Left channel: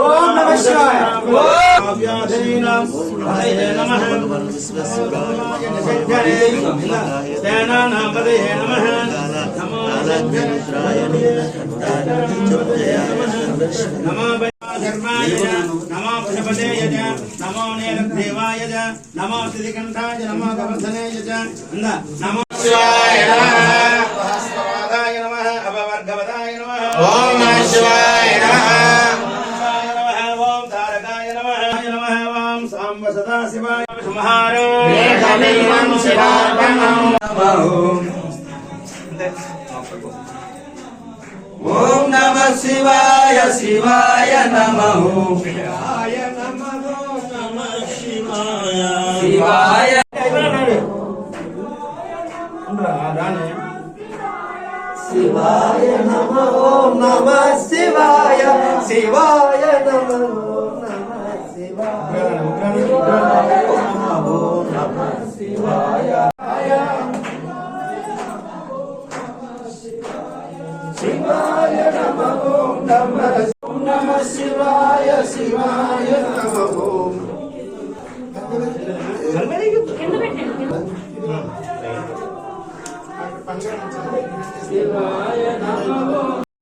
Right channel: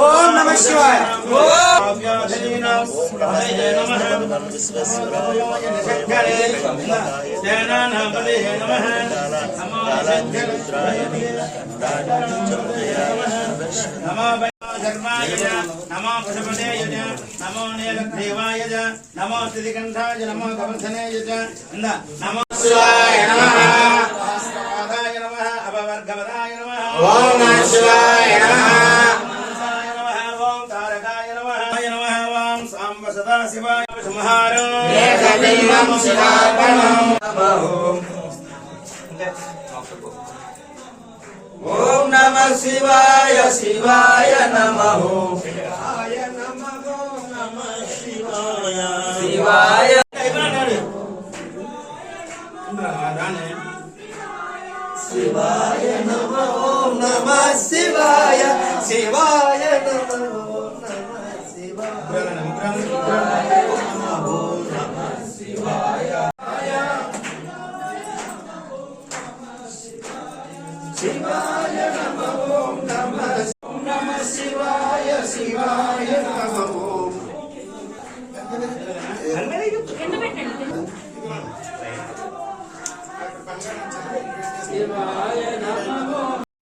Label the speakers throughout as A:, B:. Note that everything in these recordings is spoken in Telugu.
A: ఓం నమ శివాయ.
B: నమ
A: ఓం నమ శివాయ
B: నమో
C: పశుపతేయ నమో శ్రీకంఠాయ నమో గవర్ధనేయ నమో శివాయ నమ సహస్రపాదాయ నమ అపవర్గవదాయ నమ
B: ఓం నమ శివాయ నమ.
C: శివాయ నమః ఓం తారకాయ నమః నమః ఓం సాంబ సదా సంహారో
A: శివాయ శివాయ నమ. శివాయ
B: శివాయ నమ నమ శివాయ. శివాయ నమ ఓం నమ శివాయ శివాయ నమ ఓం నమ ఓం నమ శివాయ శివాయ నమ ఓం శివాయ. నమ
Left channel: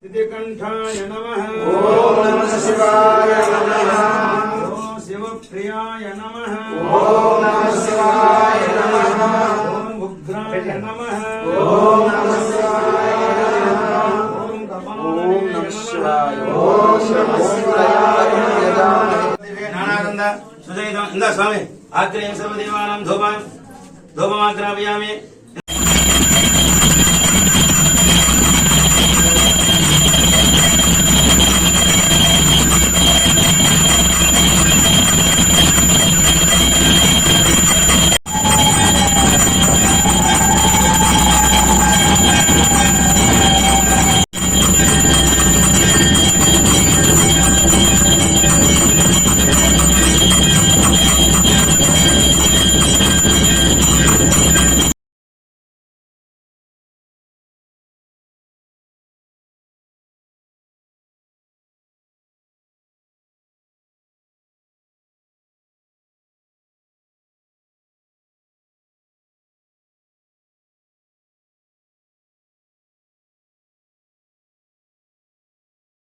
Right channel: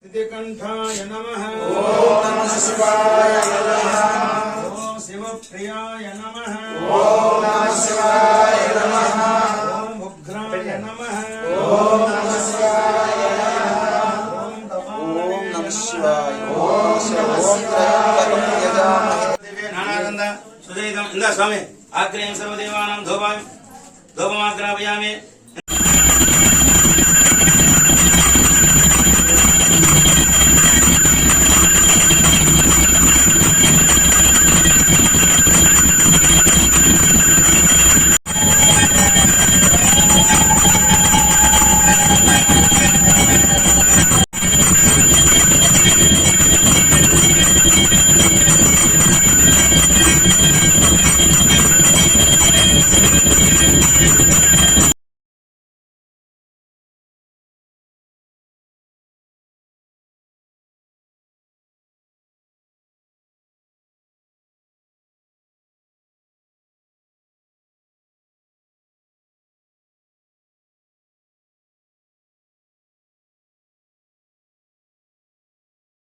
C: శ్రీకంఠాయ నమః
B: ఓం నమ శివాయ నమ
C: ఓం శివప్రియాయ నమః
B: ఓం నమ శివాయ నమ
C: ఓం ఉగ్రాయ నమః నానానంద సుజనితం. ఇందా స్వామి ఆగ్రహం సర్వదేవానం ధూపం ధూపమాగ్రాపయామి